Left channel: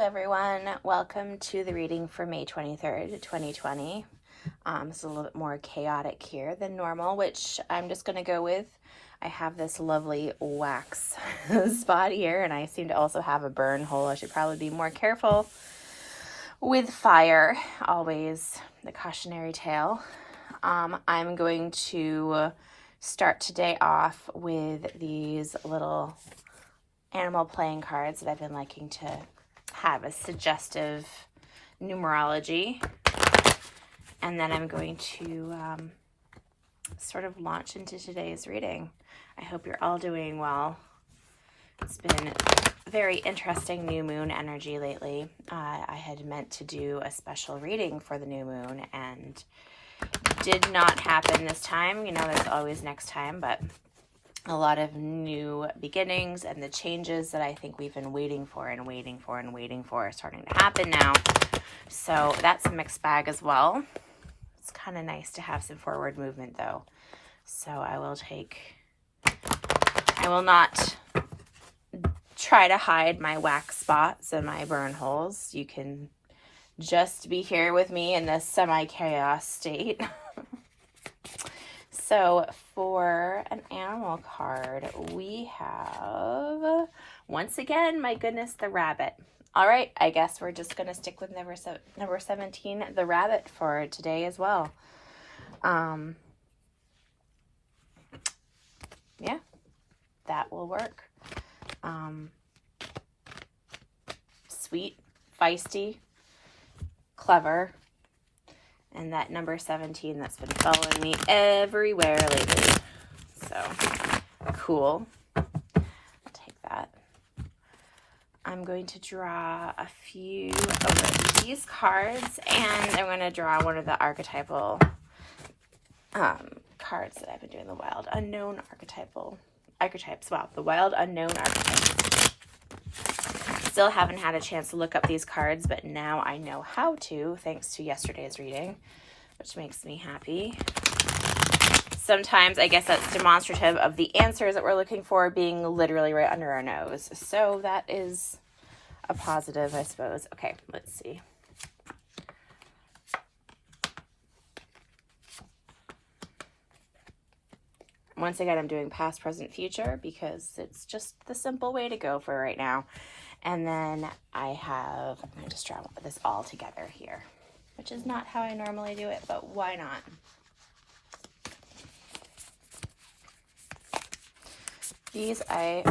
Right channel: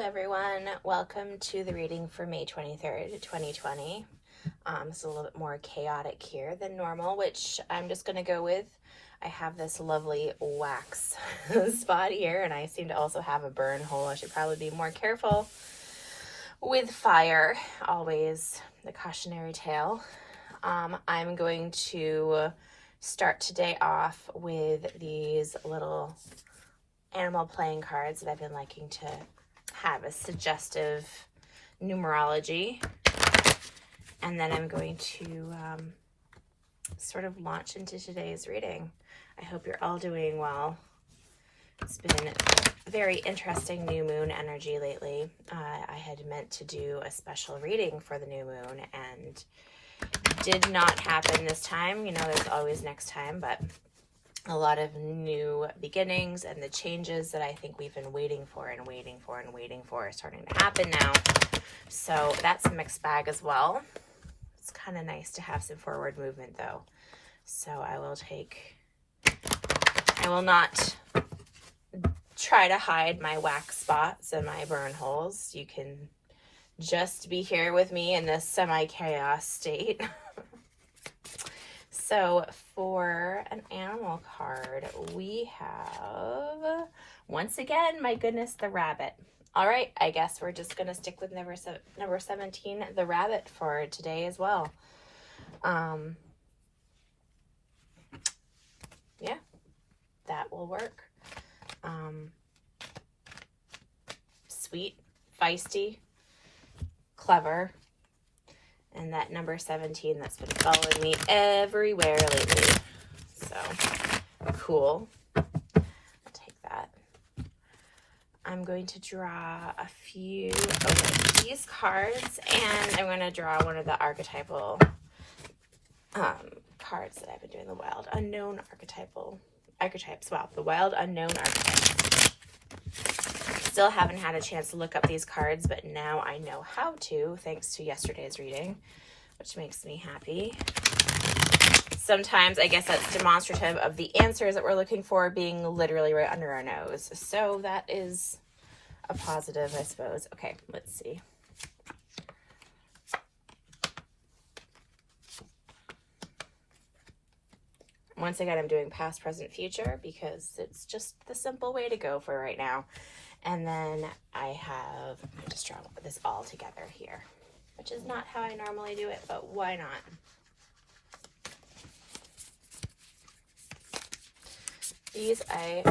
everyone. Welcome to the reading for May 23rd, 2020. It's a little bit more chaotic here than normal, which I'm just going to go with. I have this lovely wax spot here, and I seem to also have a burn hole. I should probably be more careful with fire, always the cautionary tale. I'm going to start today off with these little animal playing cards that I've been liking to have a suggestive numerology, and then I'm going to sort of launch into today's reading. I hope you're all doing well. It's been very interesting new moon energy lately. I had meant to do a special reading for the new moon and did not happen this time. You know, there's always next time, but a lot of new beginnings and the changes that I think we've been waiting for are starting to happen now. So that's a mixed bag as well. It's kind of nice to have some forward movement though. So I will not try to hide my wax spots and my burn holes. You can just be here with me in this semi-chaos state. So for an animal card, we have, once again, my goodness, the rabbit. All right, I guess we're just going to stick with number 17, the rabbit, for today as well. Yeah, that will work. Sweet, feisty, clever. And that number 17 that's been following me everywhere lately. So, cool. I'll take that. I'm going to draw a few of these cards, and I'm going to draw one of the archetypal cards that I've been doing, the wild unknown archetypes. Wow, the wild unknown archetypes. Still haven't had a chance to look up these cards, but now I know how to, thanks to yesterday's reading, which makes me happy. Sometimes I guess that's demonstrative of the answers that we're looking for being literally right under our nose. So that is a positive, I suppose. Okay, let's see. Once again, I'm doing past, present, future because it's just the simple way to go for right now. And then I'm going to just draw this all together here, which is not how I normally do it, but why not? These I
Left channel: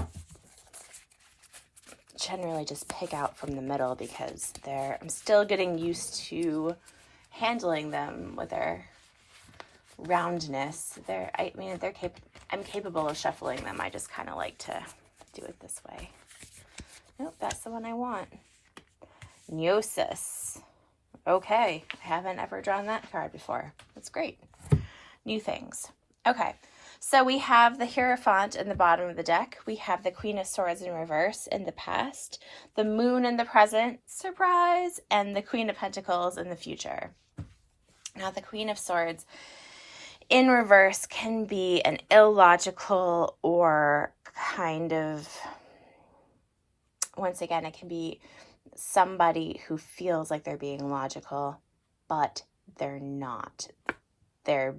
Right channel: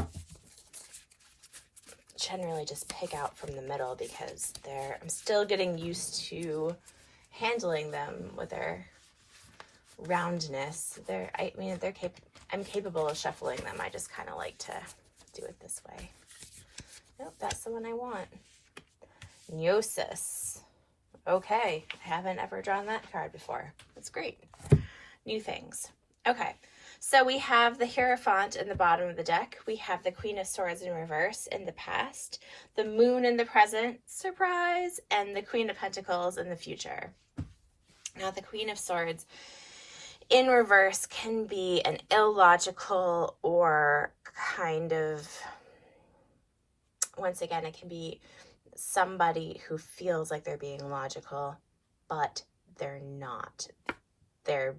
generally just pick out from the middle because I'm still getting used to handling them with their roundness. I'm capable of shuffling them. I just kind of like to do it this way. Nope, that's the one I want. Gnosis. Okay, I haven't ever drawn that card before. That's great. New things. Okay, so we have the Hierophant in the bottom of the deck. We have the Queen of Swords in reverse in the past, the Moon in the present, surprise, and the Queen of Pentacles in the future. Now, the Queen of Swords in reverse can be an illogical or kind of, once again, it can be somebody who feels like they're being logical, but they're not. They're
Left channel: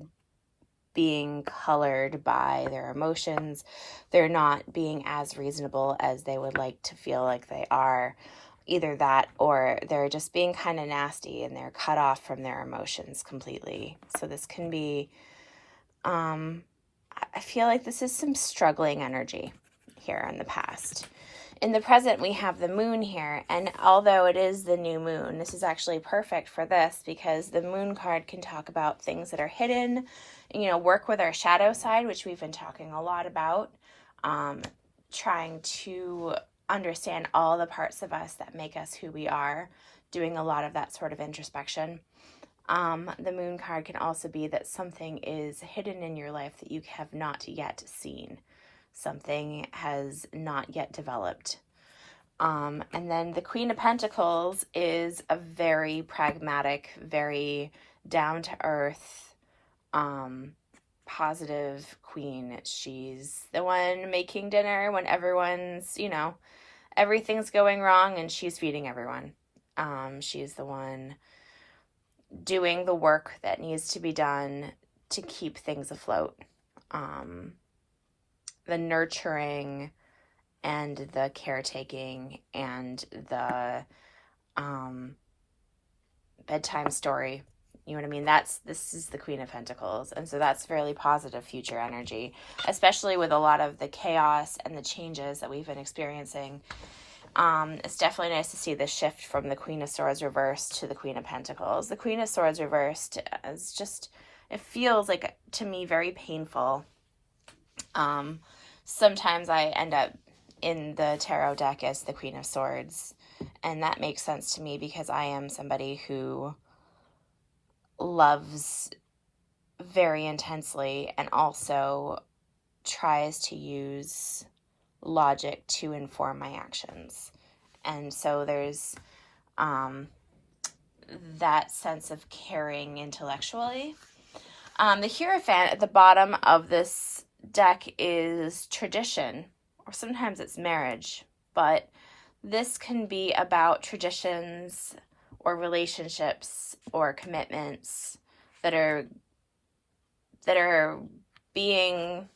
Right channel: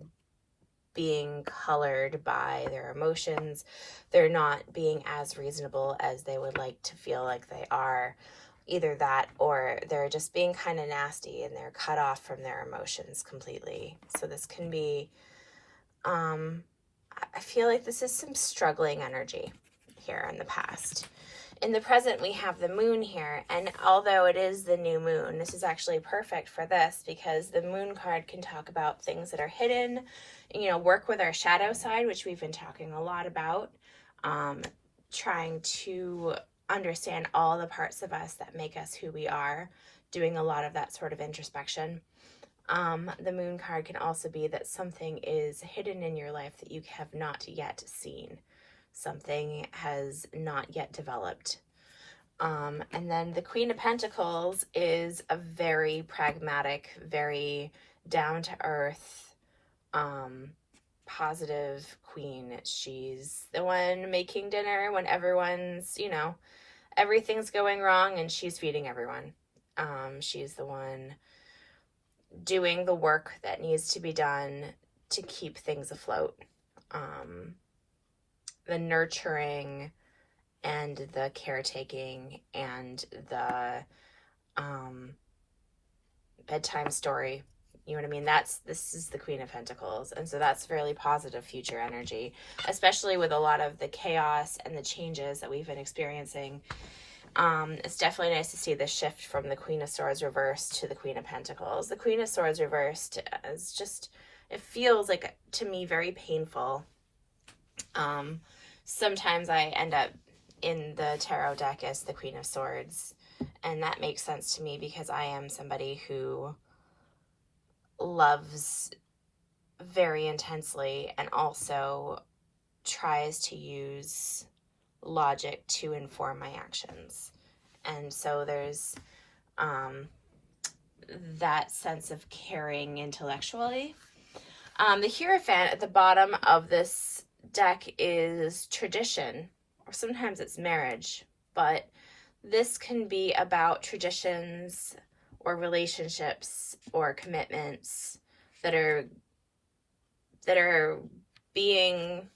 being colored by their emotions. They're not being as reasonable as they would like to feel like they are. Either that, or they're just being kind of nasty and they're cut off from their emotions completely. So this can be, I feel like this is some struggling energy here in the past. In the present, we have the moon here, and although it is the new moon, this is actually perfect for this because the moon card can talk about things that are hidden, work with our shadow side, which we've been talking a lot about, trying to understand all the parts of us that make us who we are, doing a lot of that sort of introspection. The moon card can also be that something is hidden in your life that you have not yet seen. Something has not yet developed. And then the Queen of Pentacles is a very pragmatic, very down-to-earth, positive queen. She's the one making dinner when everyone's, everything's going wrong and she's feeding everyone. She's the one doing the work that needs to be done to keep things afloat. The nurturing and the caretaking and the bedtime story. You know what I mean? This is the Queen of Pentacles. And so that's really positive future energy, especially with a lot of the chaos and the changes that we've been experiencing. It's definitely nice to see the shift from the Queen of Swords reversed to the Queen of Pentacles. The Queen of Swords reversed is just, it feels like, to me, very painful. Sometimes I end up in the tarot deck as the Queen of Swords, and that makes sense to me because I am somebody who loves very intensely and also tries to use logic to inform my actions. And so there's that sense of caring intellectually. The Hierophant at the bottom of this deck is tradition, or sometimes it's marriage, but this can be about traditions or relationships or commitments that are being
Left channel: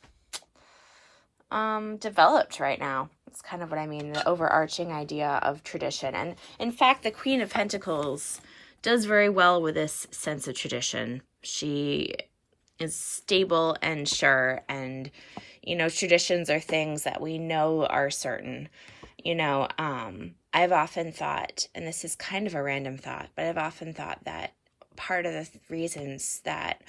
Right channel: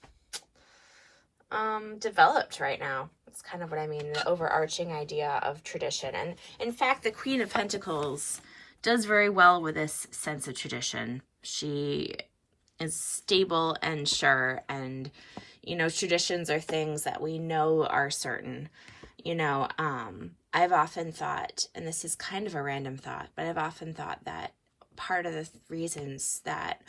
developed right now. It's kind of what I mean, the overarching idea of tradition. And in fact, the Queen of Pentacles does very well with this sense of tradition. She is stable and sure, and traditions are things that we know are certain. I've often thought, and this is kind of a random thought, but I've often thought that part of the reasons that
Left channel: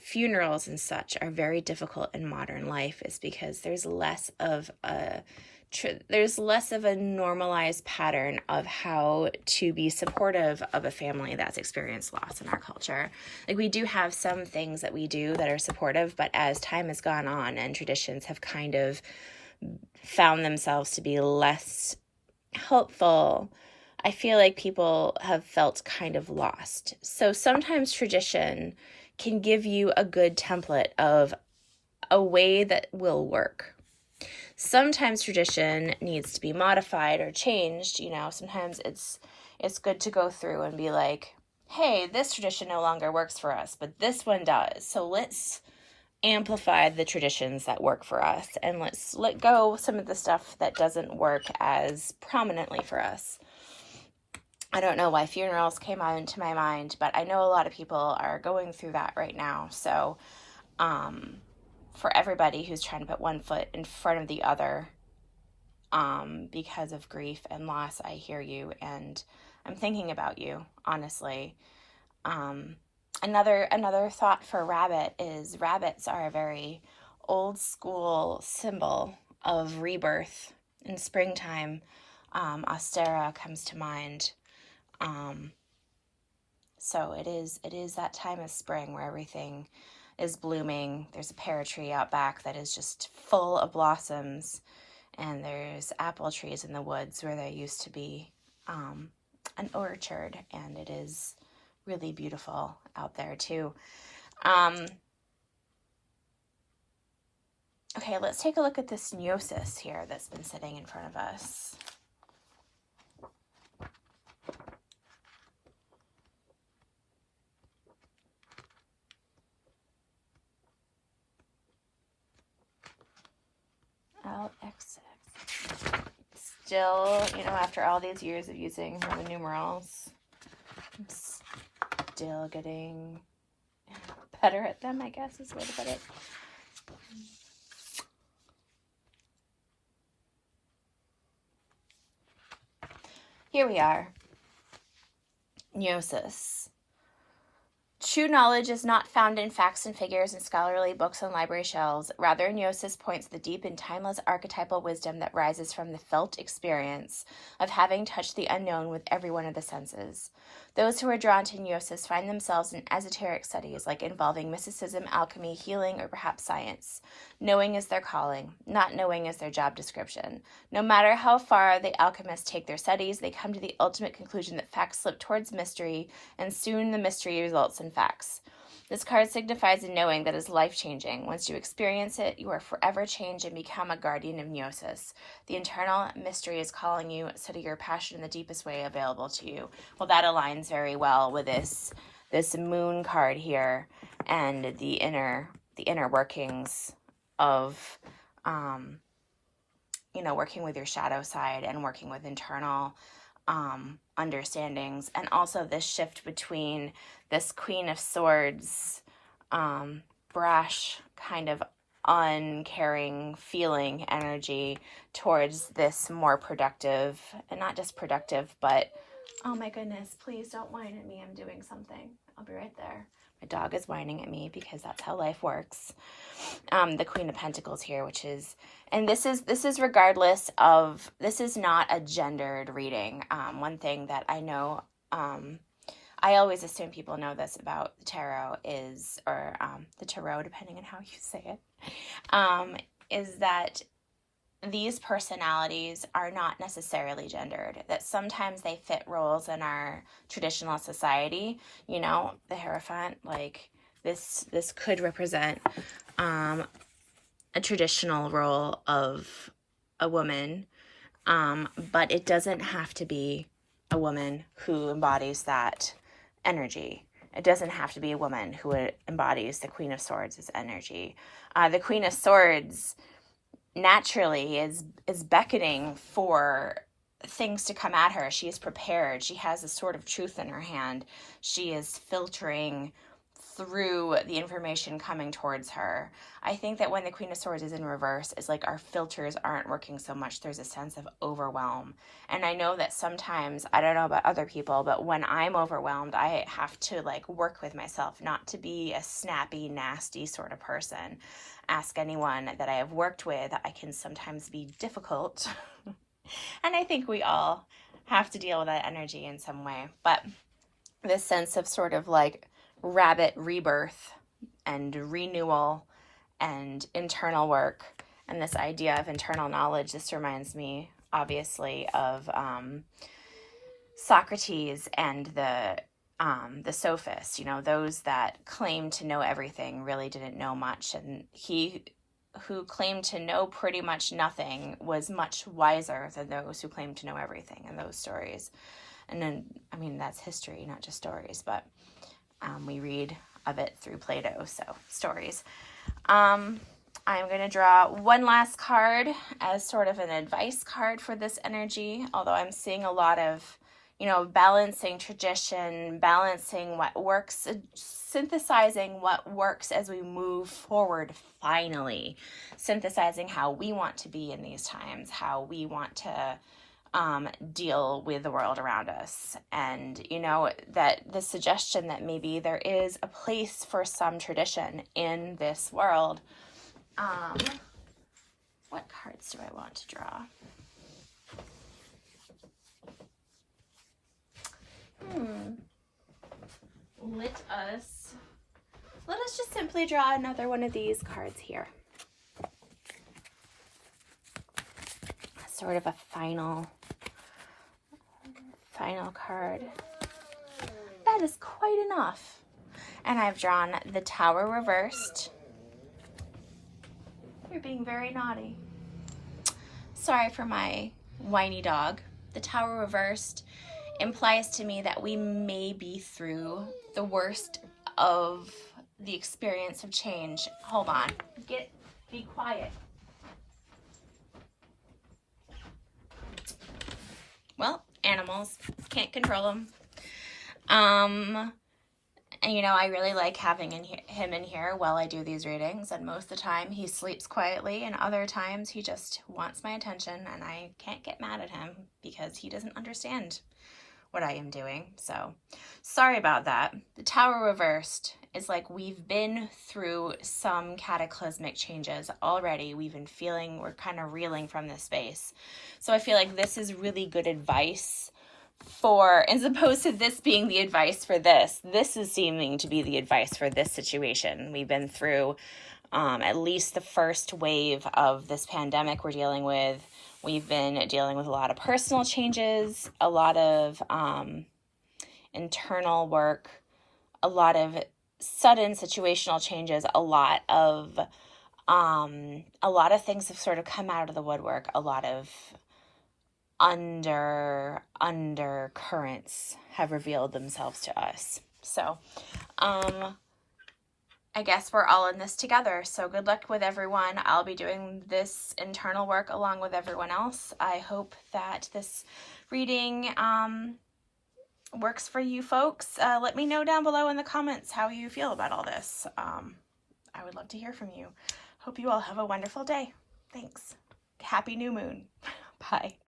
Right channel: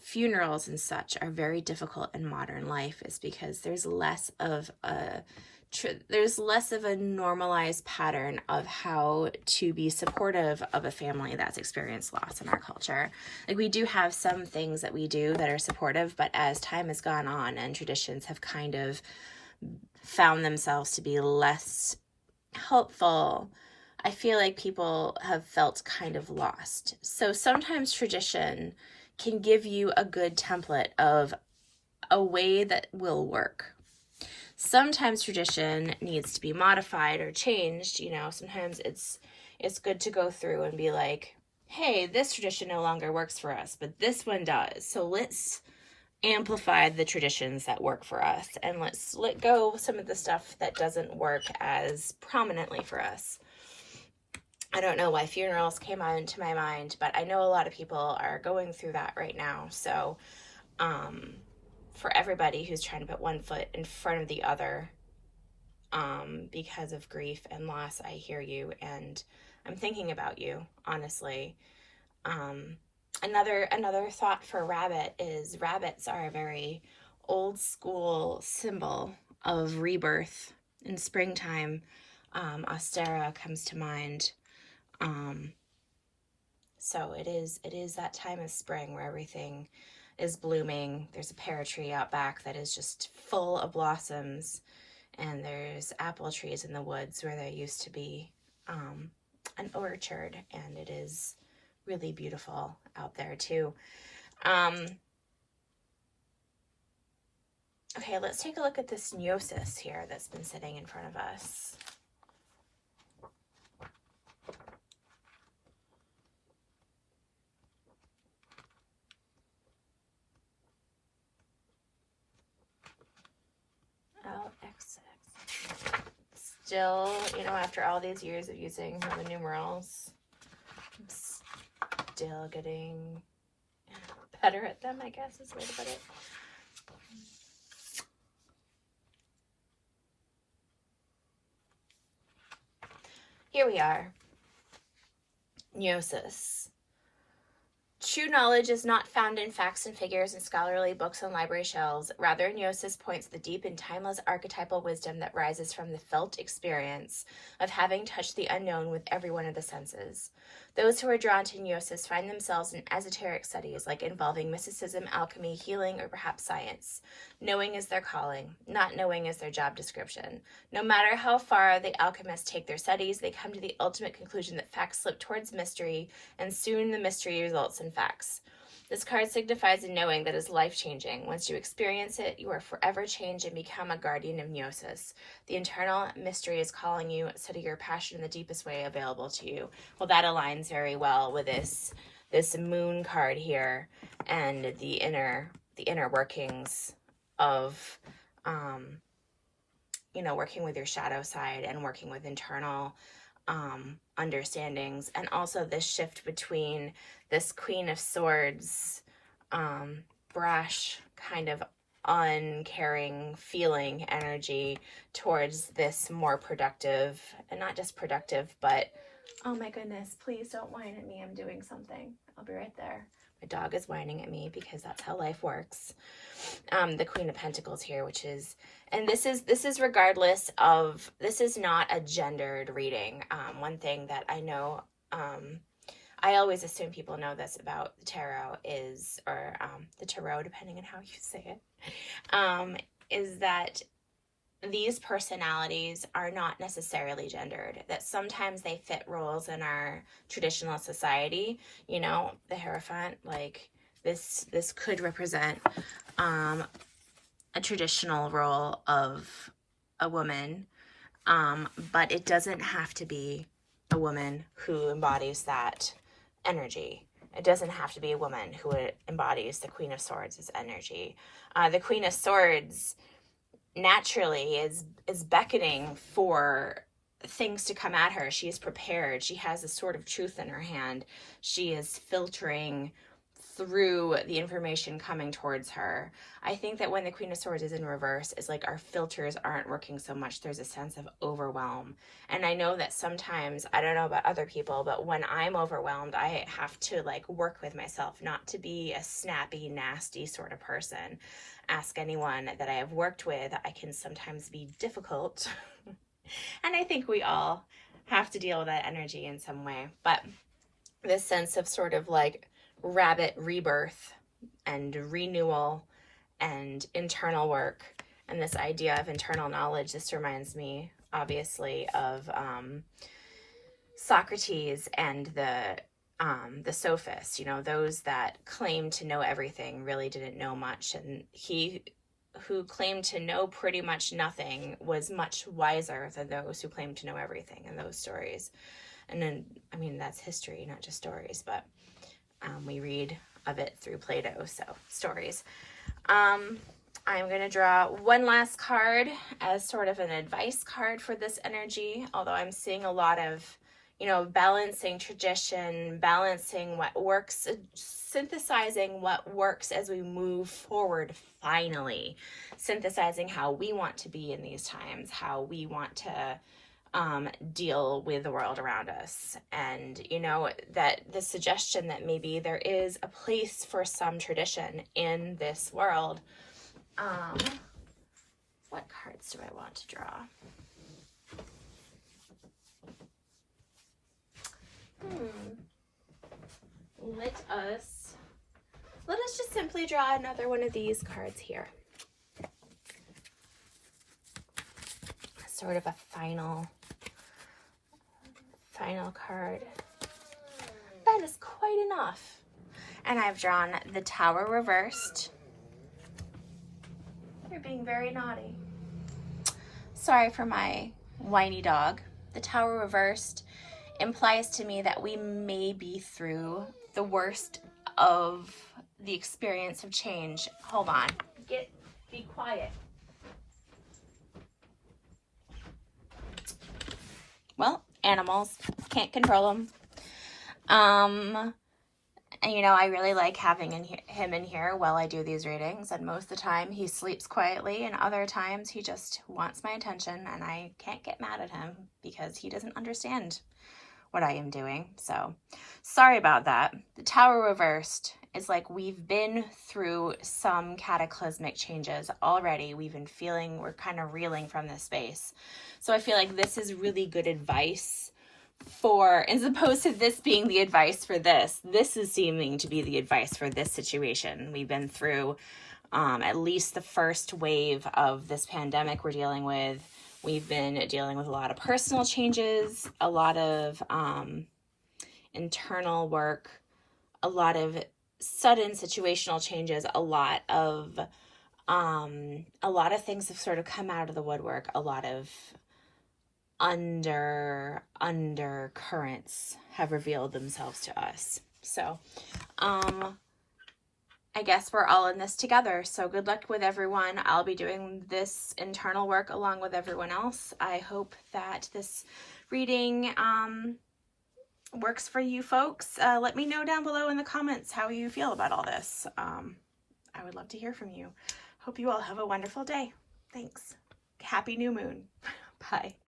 funerals and such are very difficult in modern life is because there's less of a normalized pattern of how to be supportive of a family that's experienced loss in our culture. Like, we do have some things that we do that are supportive, but as time has gone on and traditions have kind of found themselves to be less helpful, I feel like people have felt kind of lost. So sometimes tradition can give you a good template of a way that will work. Sometimes tradition needs to be modified or changed. Sometimes it's good to go through and be like, hey, this tradition no longer works for us, but this one does. So let's amplify the traditions that work for us, and let's let go some of the stuff that doesn't work as prominently for us. I don't know why funerals came into my mind, but I know a lot of people are going through that right now. So for everybody who's trying to put one foot in front of the other because of grief and loss, I hear you, and I'm thinking about you, honestly. Another thought for rabbit is rabbits are a very old school symbol of rebirth. In springtime, Ostara comes to mind. So it is that time of spring where everything is blooming. There's a pear tree out back that is just full of blossoms, and there's apple trees in the woods where there used to be an orchard, and it is really beautiful out there too. Okay, let's take a look at this Gnosis here that's been sitting in front of us. LXX. Still, after all these years of using Roman numerals, I'm still getting better at them, I guess is the way to put it. Here we are. Gnosis. True knowledge is not found in facts and figures in scholarly books on library shelves. Rather, Gnosis points to the deep and timeless archetypal wisdom that rises from the felt experience of having touched the unknown with every one of the senses. Those who are drawn to Gnosis find themselves in esoteric studies, like involving mysticism, alchemy, healing, or perhaps science. Knowing is their calling. Not knowing is their job description. No matter how far the alchemists take their studies, they come to the ultimate conclusion that facts slip towards mystery, and soon the mystery results in facts. This card signifies a knowing that is life-changing. Once you experience it, you are forever changed and become a guardian of Gnosis. The internal mystery is calling you, so to your passion in the deepest way available to you. Well, that aligns very well with this moon card here and the inner workings of, you know, working with your shadow side and working with internal understandings, and also this shift between this Queen of Swords, brash, kind of uncaring feeling energy towards this more productive, and not just productive, but, oh my goodness, please don't whine at me. I'm doing something. I'll be right there. My dog is whining at me because that's how life works. The Queen of Pentacles here, which is, and this is regardless of, this is not a gendered reading. One thing that I know, I always assume people know this about the tarot is, or the tarot, depending on how you say it, is that these personalities are not necessarily gendered, that sometimes they fit roles in our traditional society. You know, the Hierophant, like this could represent a traditional role of a woman, but it doesn't have to be a woman who embodies that energy. It doesn't have to be a woman who embodies the Queen of Swords' energy. The Queen of Swords naturally is beckoning for things to come at her. She is prepared. She has a sword of truth in her hand. She is filtering through the information coming towards her. I think that when the Queen of Swords is in reverse, it's like our filters aren't working so much. There's a sense of overwhelm. And I know that sometimes, I don't know about other people, but when I'm overwhelmed, I have to like work with myself not to be a snappy, nasty sort of person. Ask anyone that I have worked with. I can sometimes be difficult. And I think we all have to deal with that energy in some way. But this sense of sort of like rabbit rebirth and renewal and internal work, and this idea of internal knowledge, this reminds me obviously of Socrates and the sophists, you know, those that claimed to know everything really didn't know much, and he who claimed to know pretty much nothing was much wiser than those who claimed to know everything in those stories. And then, I mean, that's history, not just stories, but we read of it through Plato, so stories. I'm going to draw one last card as sort of an advice card for this energy, although I'm seeing a lot of, you know, balancing tradition, balancing what works, synthesizing what works as we move forward finally, synthesizing how we want to be in these times, how we want to deal with the world around us. And, you know, that the suggestion that maybe there is a place for some tradition in this world. What cards do I want to draw? Let us just simply draw another one of these cards here. Sort of a final card. That is quite enough. And I've drawn the Tower reversed. You're being very naughty. Sorry for my whiny dog. The Tower reversed implies to me that we may be through the worst of the experience of change. Hold on. Be quiet. Well, animals, can't control them. And you know, I really like having him in here while I do these readings, and most of the time he sleeps quietly, and other times he just wants my attention, and I can't get mad at him because he doesn't understand what I am doing. So sorry about that. The Tower reversed is like we've been through some cataclysmic changes already. We've been feeling, we're kind of reeling from this space. So I feel like this is really good advice for, as opposed to this being the advice for this is seeming to be the advice for this situation. We've been through at least the first wave of this pandemic we're dealing with. We've been dealing with a lot of personal changes, a lot of internal work, a lot of sudden situational changes, a lot of things have sort of come out of the woodwork. A lot of undercurrents have revealed themselves to us. So, I guess we're all in this together. So good luck with everyone. I'll be doing this internal work along with everyone else. I hope that this reading works for you folks. Let me know down below in the comments how you feel about all this. I would love to hear from you. Hope you all have a wonderful day. Thanks. Happy new moon. Bye.